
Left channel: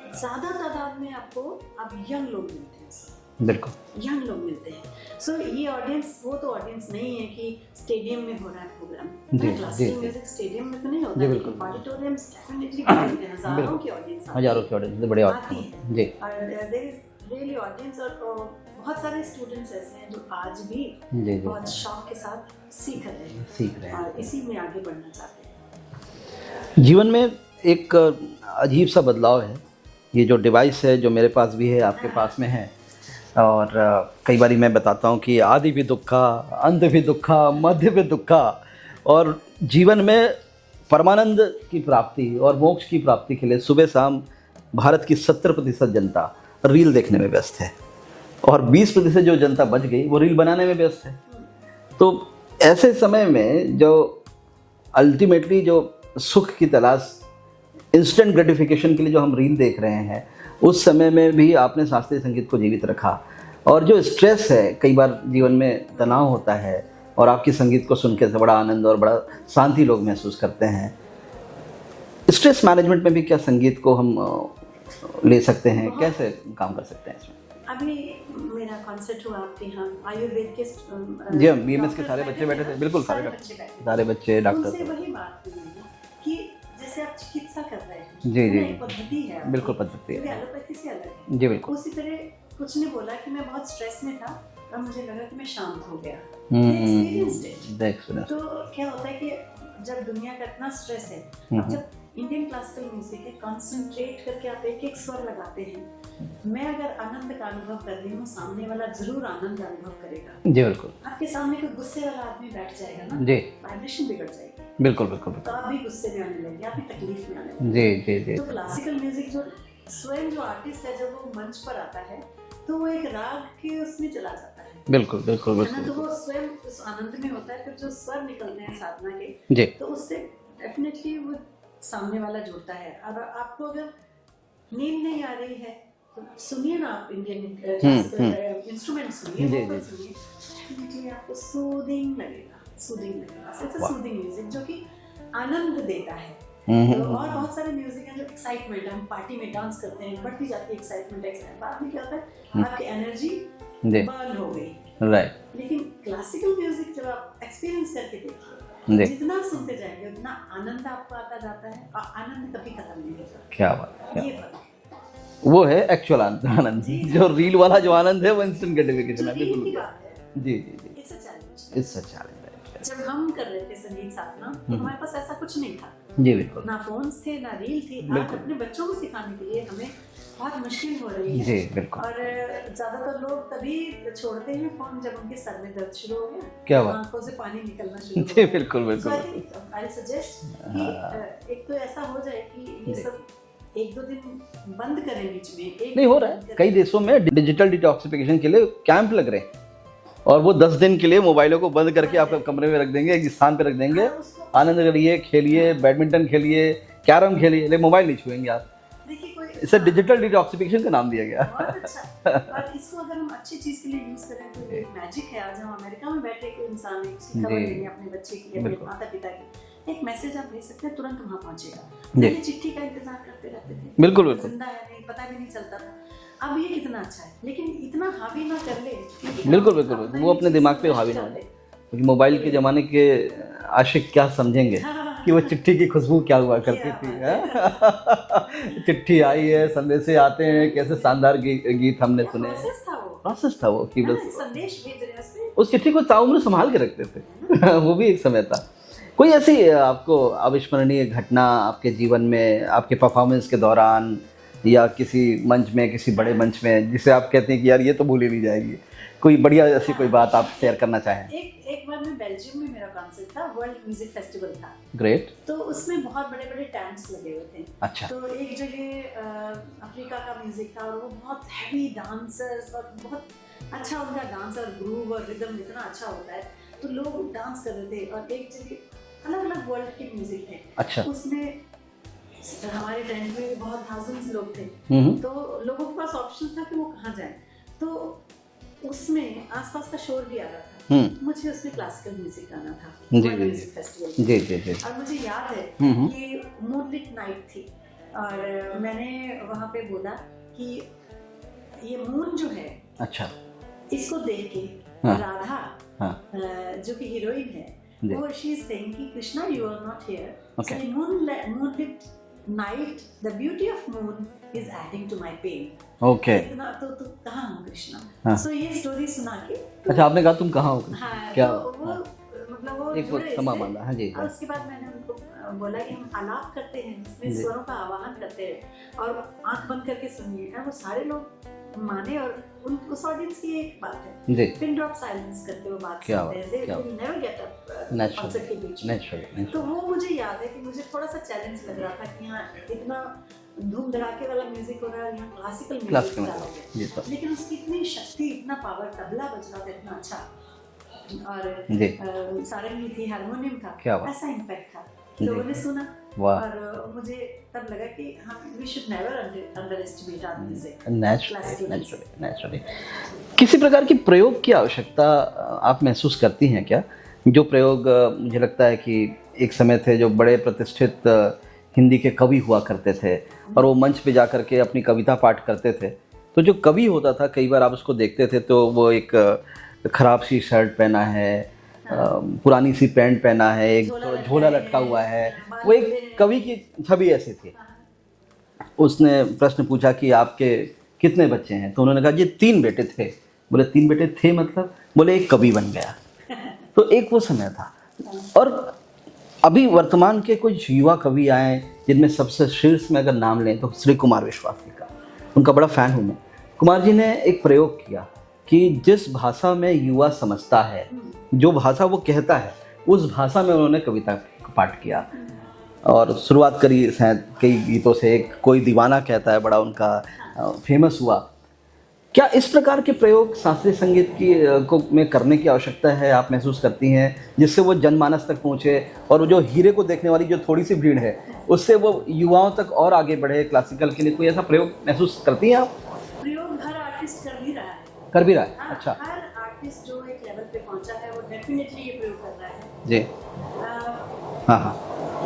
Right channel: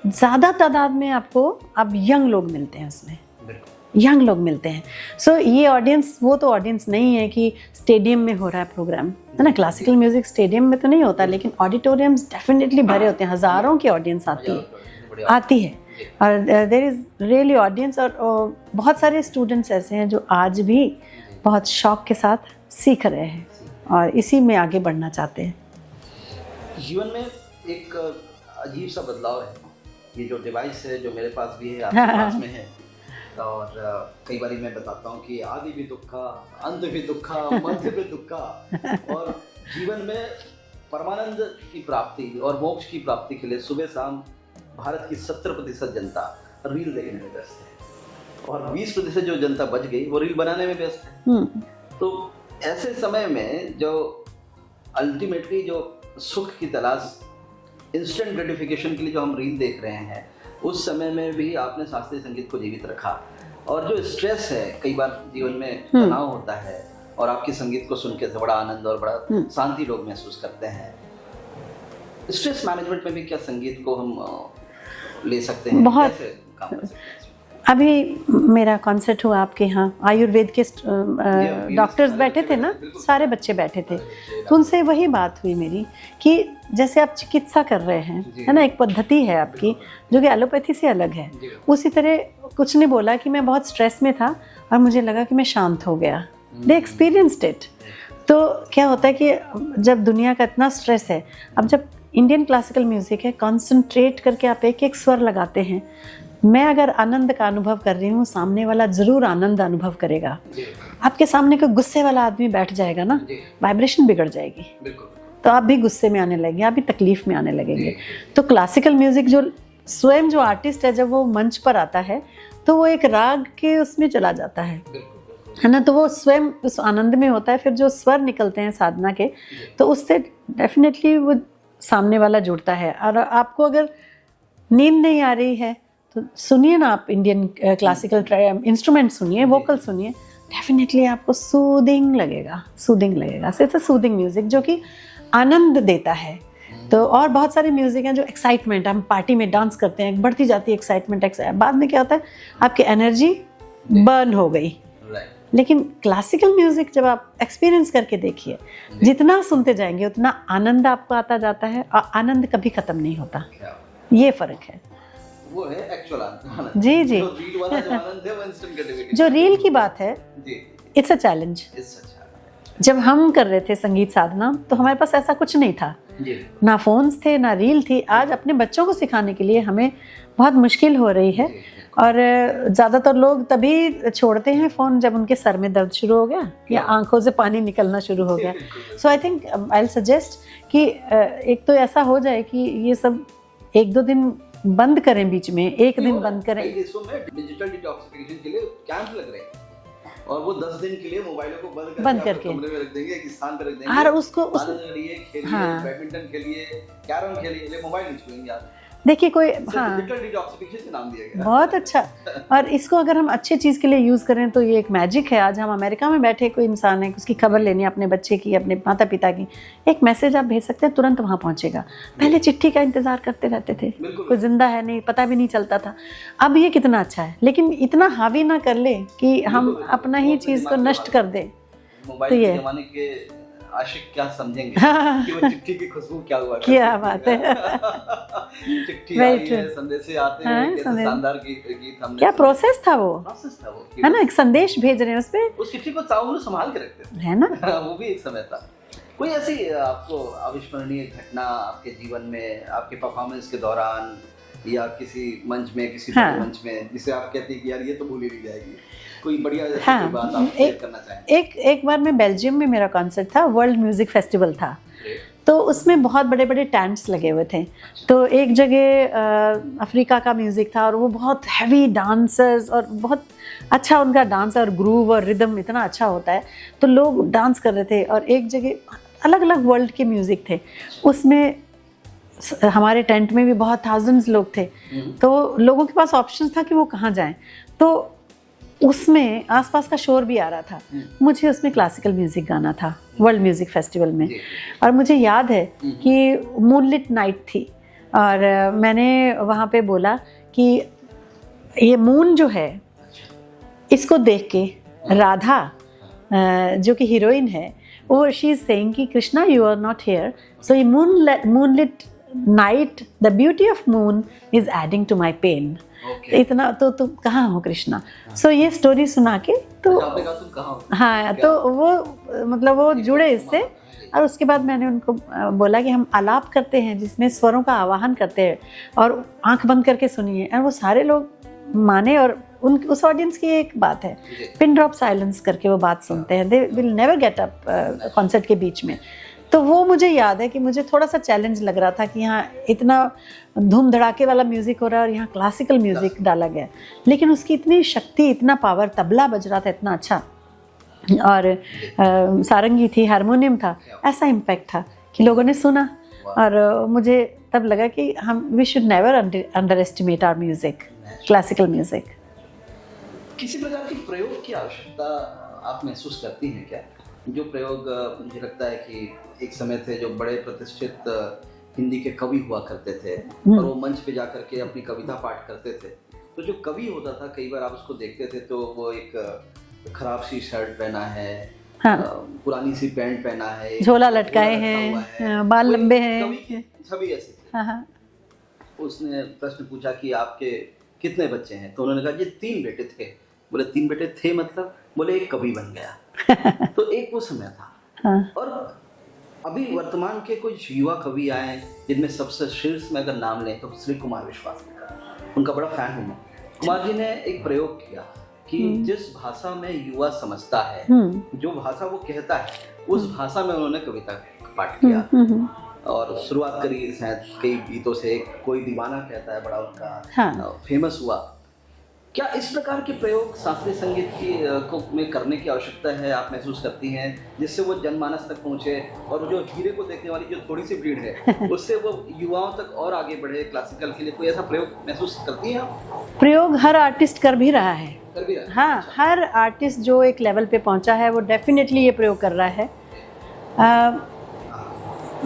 ज़्यादा तादाद में आपको अब यंग लोग मिलते हैं उसमें। बिल्कुल यंग लोग मिलते हैं। सो ये ऑडियंस वो तो ऑडियंस नहीं है कि स्टेडियम में हो रहा है प्रोग्राम, है ना। क्लासिकल म्यूजिक स्टेडियम में तो नहीं होता, लेकिन ऑडिटोरियम्स डेफिनेटली भरे होते हैं, हज़ारों की ऑडियंस आती है और देयर इज रियली ऑडियंस। और बहुत सारे स्टूडेंट्स ऐसे हैं जो आज भी बहुत शौक के साथ सीख रहे हैं और इसी में आगे बढ़ना चाहते हैं। जीवन में एक अजीब सा बदलाव है, ये जो डिवाइस है जो मेरे पास भी है, आपके पास में है, और कई बार मैं बताता हूँ कि आदि भी दुखा, अंत भी दुखा, मध्य भी दुखा, और जीवन में परमानंद की प्राप्ति और मोक्ष की प्राप्ति के लिए सुबह शाम भारत की 70% जनता रील देखने में व्यस्त है और 20% जो जनता बच गई वो रील बनाने में व्यस्त है। तो ऐसे समय में जो अल्टीमेटली जो सुख की तलाश, इंस्टेंट ग्रेटिफिकेशन के लिए जो हम रील देख रहे हैं, उस समय में भी आपने शास्त्रीय संगीत को जीवित रखा। और जो स्ट्रेस है, कई बार जीवन में तनाव होता है और आपके संगीत को सुन के बड़ा आनंद और बड़ा शांति लोग महसूस करते हैं। स्ट्रेस मैनेजमेंट में भी क्या संगीत को हम ले सकते हैं, कैसे काम कर सकते हैं? अभी मेरा कॉन्सर्ट हुआ आपके यहाँ, आयुर्वेद के डॉक्टर्स बैठे थे ना, सारे बच्चे बैठे थे, उनसे वही बात हुई मेरी कि जैसे आप चिकित्सा कर रहे हैं, है ना, एक पद्धति है आपकी जो कि एलोपैथी से अलग है। उसी तरह कुछ ने बोला कि मैं बहुत स्ट्रेस में था और मुझे लगा कि मैं शांत हो गया। दे एक्सपीरियंस्ड इट। तो क्या होता है कि जब दुनिया का इतना स्ट्रेस है, अब जब इंडियन क्लासिकल म्यूजिक है, कंसंट्रेट करके आप एक एक स्वर लगाते हैं। मैं अगर आनंद का अनुभव कर रही हूँ, सामने वाला जरूर आनंद अनुभव करेगा। जी बिल्कुल। आपके सामने कोई गुस्से वाला आदमी बैठ जाएगा ना, वाइब्रेशन बिगड़ जाएगी। बिल्कुल बिल्कुल। तो आप भी गुस्से में आने लगेंगे, आप भी तकलीफ में आने लगेंगे। तो क्लासिकल म्यूजिक जो स्वयं जो आर्टिस्ट है, जब वो मंच पर आता है तो वो एक राग के उसमें चला जाता है। बिल्कुल बिल्कुल, है ना। तो वो स्वयं उस आनंद में होता है। फिर जो स्वर निकलते हैं साधना के, तो उससे डेफिनेटली वो सामने वाला जुड़ता है। और आपको अगर नींद नहीं आ रही है तो सुनिए ना, आप इंडियन क्लासिकल इंस्ट्रूमेंट सुनिए, वोकल सुनिए, डेफिनेटली आपको सूदिंग लगेगा। इट्स अ सूदिंग म्यूजिक जो कि आनंद देता है। तो और बहुत सारे म्यूजिक हैं जो एक्साइटमेंट, हम पार्टी में डांस करते हैं, बढ़ती जाती है एक्साइटमेंट, बाद में क्या होता है, आपकी एनर्जी बर्न हो गई। लेकिन क्लासिकल म्यूजिक जब आप एक्सपीरियंस करके देखिए, जितना सुनते जाएंगे उतना आनंद आपको आता जाता है और आनंद कभी खत्म नहीं होता। क्या बात, ये फर्क है। वो है एक्चुअल आनंद। जी जी। जो रील वाला जो आनंद है वो इंस्टेंट ग्रेटिफिकेशन, जो रील की बात है, जी, इट्स अ चैलेंज। जब हम कर रहे थे संगीत साधना तो हमारे पास ऐसा कुछ नहीं था, ना फोन्स थे, ना रील थी। आज अपने बच्चों को सिखाने के लिए हमें बहुत मुश्किल हो रही है। जी, बिल्कुल। और ज़्यादातर लोग तभी छोड़ते हैं फ़ोन जब उनके सर में दर्द शुरू हो गया या आंखों से पानी निकलना शुरू हो जी, गया। बिल्कुल, so I think I will suggest कि एक तो ऐसा हो जाए कि ये सब 1-2 दिन बंद करें, बीच में एक दिन बंद करें। कई देशों में डिजिटल डिटॉक्सिफिकेशन के लिए कैंप लग रहे हैं और वो 10 दिन के लिए मोबाइलों को बंद करके आपके कमरे में रख देंगे, एक स्थान पे रख देंगे, और उसको आनंद करिए, खेलिए, बैडमिंटन खेलिए, कैरम खेलिए, लेकिन मोबाइल नहीं छुएंगे आप। देखिए कोई इसे डिजिटल डिटॉक्सिफिकेशन का नाम दिया गया। बहुत अच्छा। और इसको अगर हम अच्छे चीज़ के लिए यूज़ करें तो ये एक मैजिक है। आज हम अमेरिका में बैठे, कोई इंसान है, उसकी खबर लेनी है अपने बच्चे की, अपने माता पिता की, एक मैसेज आप भेज सकते हैं, तुरंत वहाँ पहुँचेगा। पहले चिट्ठी का इंतजार करते रहते थे, बिल्कुल कोई जिंदा है नहीं पता भी नहीं चलता था। अब ये कितना अच्छा है, लेकिन इतना हावी ना कर ले कि हम अपना ही चीज़ को नष्ट कर दें। मोबाइल के जमाने के आशिक क्या समझेंगे कि वो चिट्ठी की खुशबू क्या हुआ करती क्या बात है। चिट्ठी आई है, संदेशे आते हैं, कैसे शानदार गीत हमने क्या प्रोसेस था वो, है ना, एक संदेश भेज रहे हैं उस पे, उस चिट्ठी को ताउम्र संभाल के रखते थे, है ना। वो भी एक समय था। कोई ऐसी आपको अविस्मरणीय घटना आपके जीवन में, आपके परफॉर्मेंस के दौरान या किसी मंच में, किसी बड़े मंच में, जिसे आप कहते हैं कि यार ये तो भूली नहीं जाएगी, कोई बढ़िया ऐसी कोई बात आप शेयर करना चाहें? एक बार मैं बेल्जियम में, मेरा कॉन्सर्ट था, वर्ल्ड म्यूजिक फेस्टिवल था। ग्रेट। तो उसमें बहुत बड़े बड़े टेंट्स लगे हुए थे। अच्छा। तो एक जगह अफ्रीका का म्यूजिक था और वो बहुत हैवी डांसर्स, और बहुत अच्छा उनका डांस और ग्रूव और रिदम इतना अच्छा होता है, तो लोग डांस कर रहे थे। और एक जगह अलग अलग वर्ल्ड के म्यूजिक थे। अच्छा। उसमें हमारे टेंट में भी बहुत थाउजेंड्स लोग थे, तो लोगों के पास ऑप्शन था कि वो कहाँ जाएं। तो उसमें आसपास का शोर भी आ रहा था, मुझे उसमें क्लासिकल म्यूजिक गाना था वर्ल्ड म्यूजिक फेस्टिवल में। जी। और मुझे याद है कि मूनलिट नाइट थी और मैंने वहाँ पे बोला कि ये मून जो है, अच्छा, इसको देख के राधा, जो कि हीरोइन है, वो शी इज सेइंग कि Krishna you are not here, so ये moonlit night, the beauty of moon is adding to my pain. इतना तो तुम कहाँ हो कृष्णा। सो ये स्टोरी सुना के तो अच्छा, आपने कहा तुम कहाँ हो। हाँ, तो वो मतलब वो जुड़े इससे। और उसके बाद मैंने उनको बोला कि हम आलाप करते हैं जिसमें स्वरों का आवाहन करते हैं और आंख बंद करके सुनिए। और वो सारे लोग माने। और उस ऑडियंस की एक बात है, पिन ड्रॉप साइलेंस करके वो बात सुनते हैं, they will never get up concert के बीच में। तो वो मुझे याद है कि मुझे थोड़ा सा चैलेंज लग रहा था कि यहाँ इतना धूम धड़ाके वाला म्यूजिक हो रहा है और यहाँ क्लासिकल म्यूजिक डाला गया, लेकिन उसकी इतनी शक्ति, इतना पावर, तबला बज रहा था इतना अच्छा, और सारंगी थी, हारमोनियम था, ऐसा इम्पैक्ट था कि लोगों ने सुना। और मुझे तब लगा कि हम we should never underestimate our music, classical music. Naturally किसी प्रकार की प्रयोग की आवश्यकता आप महसूस करती हैं क्या? जो प्रयोग मुझे लगता है कि एक समय थे जो बड़े प्रतिष्ठित हिंदी के कवि हुआ करते थे और वो मंच पे जा कर के अपनी कविता पाठ करते थे, तो जो कवि होता था कई बार आप उसको देखते थे तो वो एक खराब सी शर्ट पहना है, पुरानी सी पैंट पहना है, एक झोला लटका हुआ है, बाल लंबे हैं। कवि की छवि ऐसी थी। उसने प्रश्न पूछा कि आपके कितने बच्चे हैं, तो उन्होंने कहा जी 3 बेटे थे। बोले 3 बेटे थे मतलब? बोले एक कवि बन गया। तो एक वो समय था। और अभी वर्तमान के कुछ युवा कवि आए जिनमें सबसे शीर्ष में अगर नाम लें तो श्री कुमार विश्वास जी का, उनका बड़ा फैन हूँ मैं। कुमार जी ने एक प्रयोग किया कि जिस भाषा में युवा समझता है, जो भाषा वो कहता है, उस भाषा में उन्होंने कविता का पाठ किया। और शुरुआत करी शायद कई गीतों से, एक कोई दीवाना कहता है बड़ा उनका फेमस हुआ। क्या इस प्रकार के प्रयोग शास्त्रीय संगीत की में करने की आवश्यकता है, आप महसूस करती हैं, जिससे वो जनमानस तक पहुँचे और जो हीरे को देखने वाली जो थोड़ी सी भीड़ है उससे वो युवाओं तक और आगे बढ़े क्लासिकल के लिए? कोई ऐसा प्रयोग महसूस करती हैं आप? प्रयोग हर आर्टिस्ट कर भी रहा है। हाँ, अच्छा। हर आर्टिस्ट जो एक लेवल पे पहुंचा है वो डेफिनेटली ये प्रयोग कर रहा है जी।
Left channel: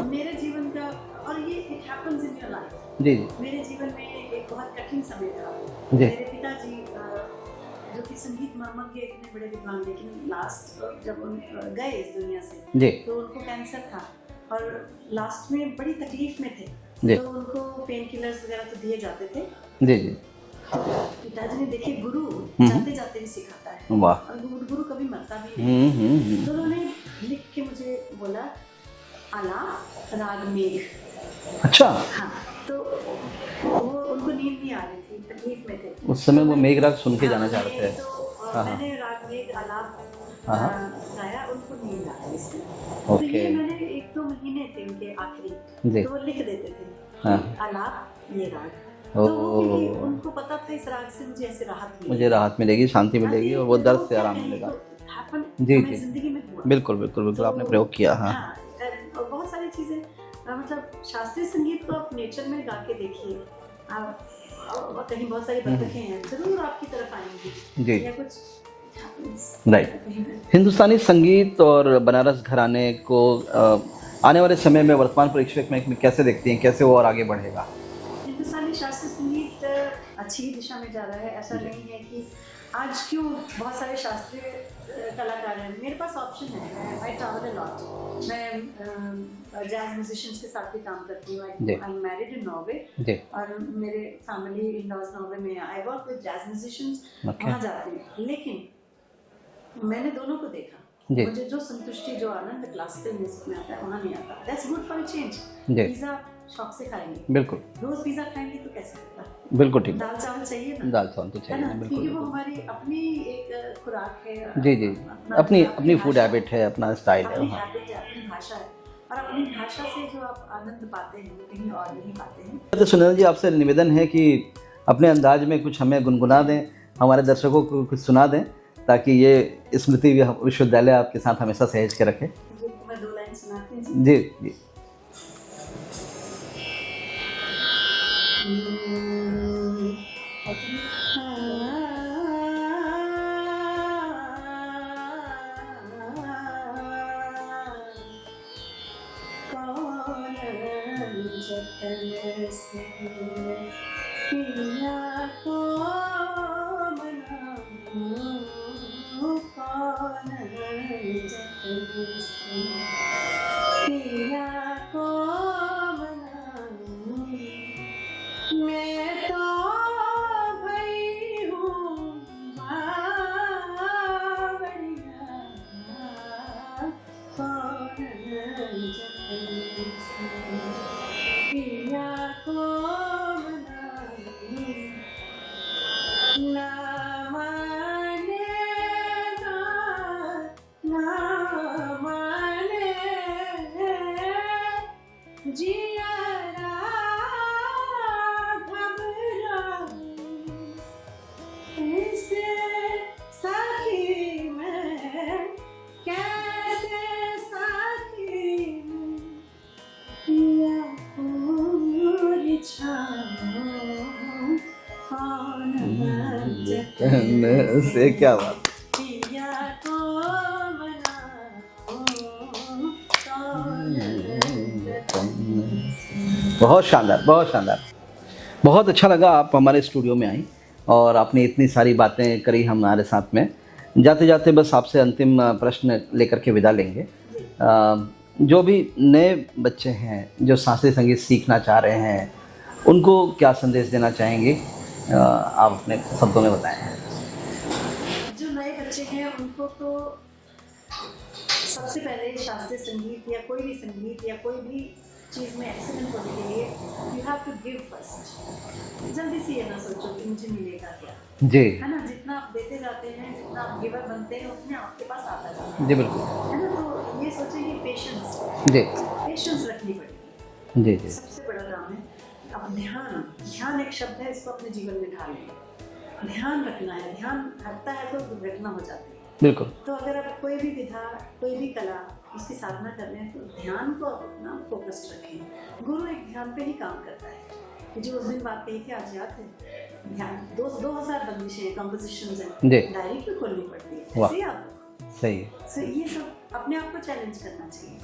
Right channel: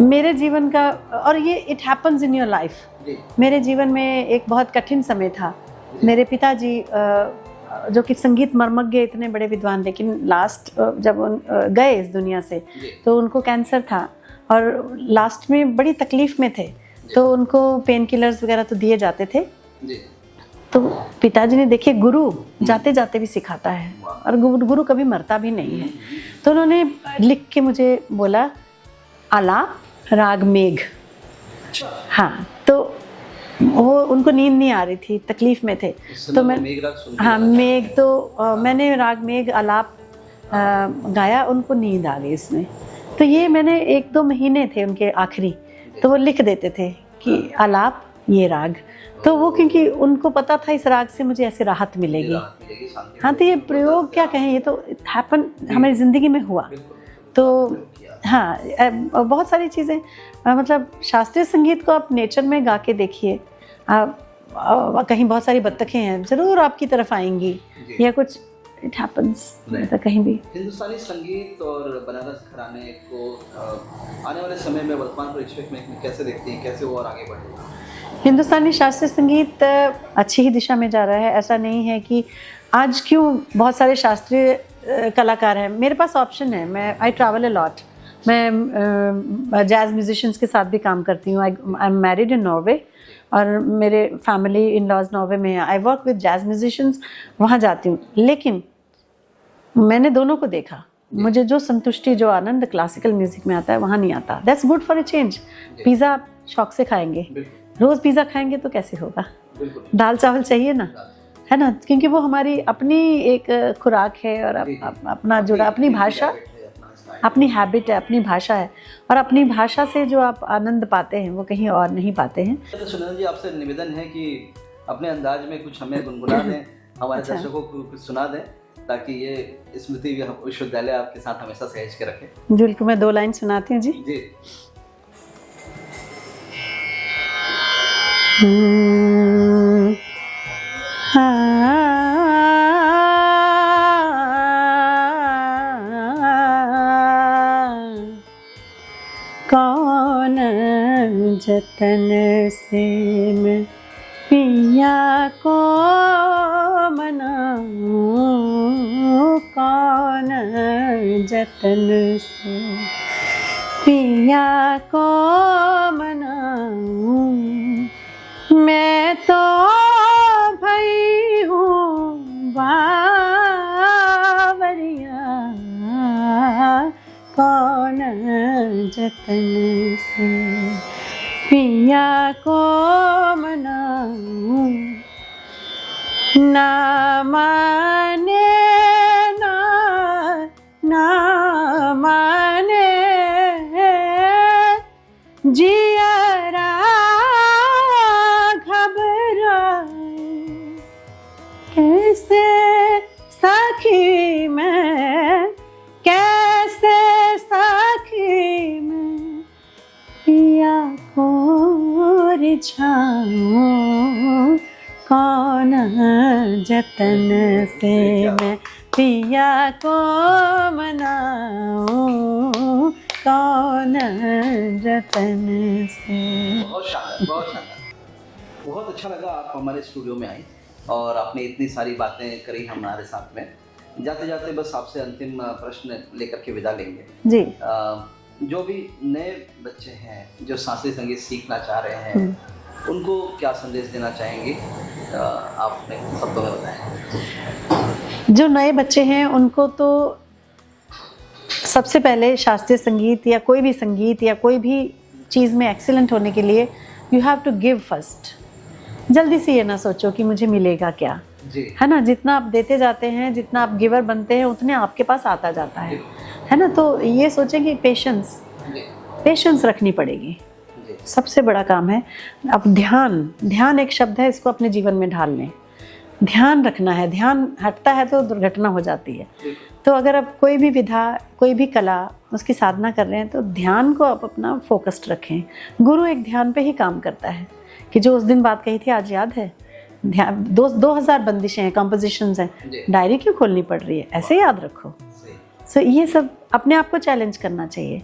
मेरे जीवन का, और ये it happens in your life. जी। मेरे जीवन में एक बहुत कठिन समय था। मेरे पिताजी जो कि संगीत मर्मज्ञ, इतने बड़े विद्वान, लेकिन लास्ट जब गए इस दुनिया से तो उनको कैंसर था और लास्ट में बड़ी तकलीफ में थे, तो उनको पेन किलर्स वगैरह तो दिए जाते थे। जी। तो पिताजी ने देखे गुरु जाते जाते भी सिखाता है और गुरु कभी मरता भी नहीं। तो उन्होंने लिख के मुझे बोला, आलाप राग मेघ। अच्छा। हाँ, तो वो उनको नींद नहीं आ रही थी, तकलीफ में थे। उस समय वो मेघ राग सुन के हाँ, गाना मेघ चाहते तो मैंने राग मेघ आलाप गाया, उनको नींद आ गई इसमें। तो ये मैंने 1-2 महीने थे उनके आखिरी, तो वो लिख देते थे कि आलाप ये राग। तो वो क्योंकि उनको पता था इस राग से मुझे ऐसे राहत मिलेगी, मुझे राहत मिलेगी, शांति हाँ। तो मिलेगी। ये और वो प्रयोग दर्द से क्या आराम कहें, ये मिलेगा। तो हैपन हमारी जिंदगी में हुआ। बिल्कुल बिल्कुल तो आपने प्रयोग किया। हाँ, बहुत सारी चीज़ें, मतलब शास्त्रीय संगीत को आप नेचर में गा के देखिए, कहीं बहुत सारी बत्तखें हैं, जरूर आपकी तरफ आएंगी, या कुछ इट हैपेंस कहीं भी। हिंदुस्तानी संगीत और बनारस घराने को आने वाले समय में वर्तमान परिप्रेक्ष्य में कैसे देखती हैं, कैसे वो और आगे बढ़ेगा? हिंदुस्तानी शास्त्रीय संगीत अच्छी ही दिशा में जा रहा है। ऐसा नहीं है कि आज क्यों बहुत सारे शास्त्रीय कलाकार हैं, मेरे पास ऑप्शन है। मैं आई ट्रैवल अ लॉट, मैं जैज़ म्यूजिशियंस के साथ भी काम करती हूँ। I am married in Norway और मेरे फैमिली इन लॉज नॉर्वे में है। I work with jazz musicians, वहाँ जाती हूँ। लेकिन मैंने दोनों को देखा, मुझे जो संतुष्टि, जो आनंद क्लासिकल म्यूजिक में आता है वहाँ नहीं आता। That's good for a change. Pizza आप शौक से खाएंगे, बिल्कुल, रोज पिज़्ज़ा खाएंगे तो कैसे होगा? बिल्कुल ठीक। दाल चावल चाहिए ना, दाल चावल तो है ना, क्योंकि वो हमारी अपनी एक खुराक है और अपना जो अपनी भाषा है, अपना स्टाइल, अपनी हैबिट है, अपनी भाषा है, और अपनी भाषा से जो आप आनंद पाते हैं वो कहीं और नहीं पाते हैं। तो सुनील जी, आपसे निवेदन है कि अपने अंदाज में कुछ हमें गुनगुना दें, हमारे दर्शकों को कुछ सुना दें, ताकि ये स्मृति विश्वविद्यालय आपके साथ हमेशा सहेज के रखे। बिल्कुल, मैं 2 लाइन सुनाती हूँ जी। जी। कौन जतन से मैं पिया को मनाऊं, कौन जतन से पिया को मनाऊं, मैं तो भई हूँ बावरिया, कौन जतन से पिया को मनाऊं, ना माने ना माने जियरा कैसे सखी मैं, कैसे सखी मैं पिया को रिझाऊं, कौन जतन से मैं पिया को मनाऊं, कौन जतन से। बहुत शानदार, बहुत शानदार, बहुत अच्छा लगा आप हमारे स्टूडियो में आई और आपने इतनी सारी बातें करी हमारे साथ में। जाते जाते बस आपसे अंतिम प्रश्न लेकर के विदा लेंगे जी। जो भी नए बच्चे हैं जो शास्त्रीय संगीत सीखना चाह रहे हैं, उनको क्या संदेश देना चाहेंगे, आप अपने शब्दों में बताएं। जो नए बच्चे हैं उनको तो सबसे पहले शास्त्रीय संगीत या कोई भी संगीत या कोई भी चीज़ में एक्सीलेंट होने के लिए you have to give first. जल्दी से ये ना सोचो कि मुझे मिलेगा क्या, जी, है ना। जितना आप देते जाते हैं, जितना आप गिवर बनते हैं, उतने आपके पास आता जाता है, जी, बिल्कुल, है ना। तो ये सोचें कि पेशेंस, जी, पेशेंस रखनी पड़ेगी, जी, सबसे बड़ा काम है। अब ध्यान एक शब्द है, इसको अपने जीवन में ढाल लें। ध्यान रखना है, ध्यान हटता है तो दुर्घटना हो जाती है, बिल्कुल। तो अगर आप कोई भी विधा, कोई भी कला, उसकी साधना कर रहे हैं तो ध्यान को आप अपना फोकस्ड रखें। गुरु एक ध्यान पे ही काम करता है कि जो उस दिन बात कही थी आज याद है, ध्यान 2000 बंदिशें हैं, कंपोजिशंस हैं, डायरी क्यों खोलनी पड़ रही है, ऐसे याद रखो, सही। सो ये सब अपने आप को चैलेंज करना चाहिए,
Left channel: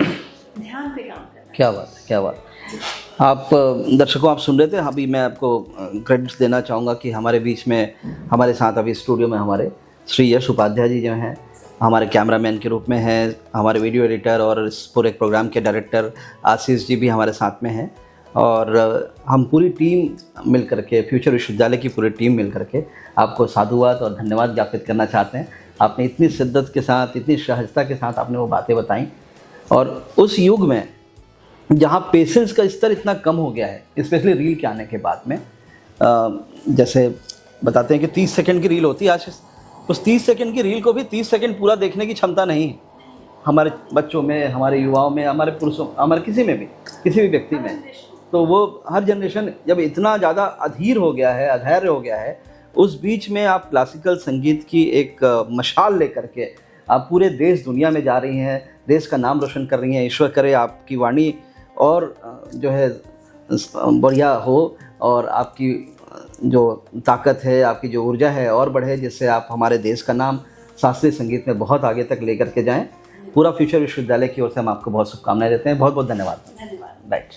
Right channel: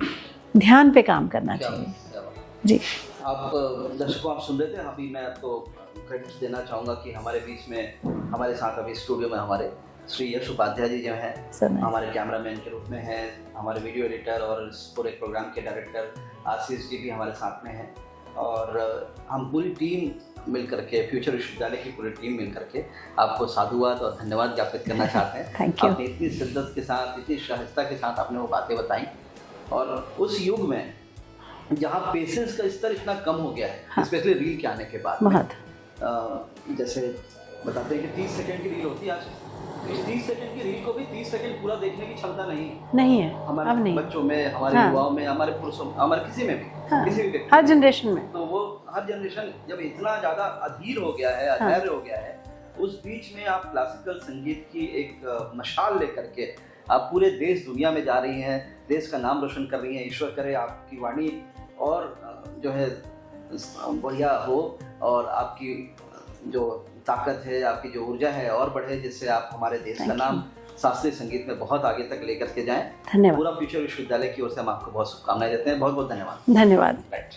ध्यान पे काम करना चाहिए। क्या बात, क्या बात जी। आप दर्शकों, आप सुन रहे थे, अभी मैं आपको क्रेडिट्स देना चाहूँगा कि हमारे बीच में, हमारे साथ अभी स्टूडियो में हमारे श्री यश उपाध्याय जी जो हैं, हमारे कैमरामैन के रूप में हैं, हमारे वीडियो एडिटर और इस पूरे प्रोग्राम के डायरेक्टर आशीष जी भी हमारे साथ में हैं, और हम पूरी टीम मिल करके, फ्यूचर विश्वविद्यालय की पूरी टीम मिल करके आपको साधुवाद और धन्यवाद ज्ञापित करना चाहते हैं। आपने इतनी शिद्दत के साथ, इतनी सहजता के साथ आपने वो बातें बताई, और उस युग में जहाँ पेशेंस का स्तर इतना कम हो गया है, स्पेशली रील के आने के बाद में। जैसे बताते हैं कि 30 सेकंड की रील होती है, आज उस 30 सेकंड की रील को भी 30 सेकंड पूरा देखने की क्षमता नहीं है हमारे बच्चों में, हमारे युवाओं में, हमारे पुरुषों, हमारे किसी में भी, किसी भी व्यक्ति हर जनरेशन में। तो वो हर जनरेशन जब इतना ज़्यादा अधीर हो गया है, अधैर्य हो गया है, उस बीच में आप क्लासिकल संगीत की एक मशाल लेकर के आप पूरे देश दुनिया में जा रही हैं, देश का नाम रोशन कर रही हैं। ईश्वर करे आपकी वाणी और जो है बढ़िया हो, और आपकी जो ताकत है, आपकी जो ऊर्जा है और बढ़े, जिससे आप हमारे देश का नाम शास्त्रीय संगीत में बहुत आगे तक लेकर के जाएं। धन्यवाद। पूरा फ्यूचर विश्वविद्यालय की ओर से हम आपको बहुत शुभकामनाएं देते हैं। बहुत बहुत धन्यवाद। धन्यवाद। राइट।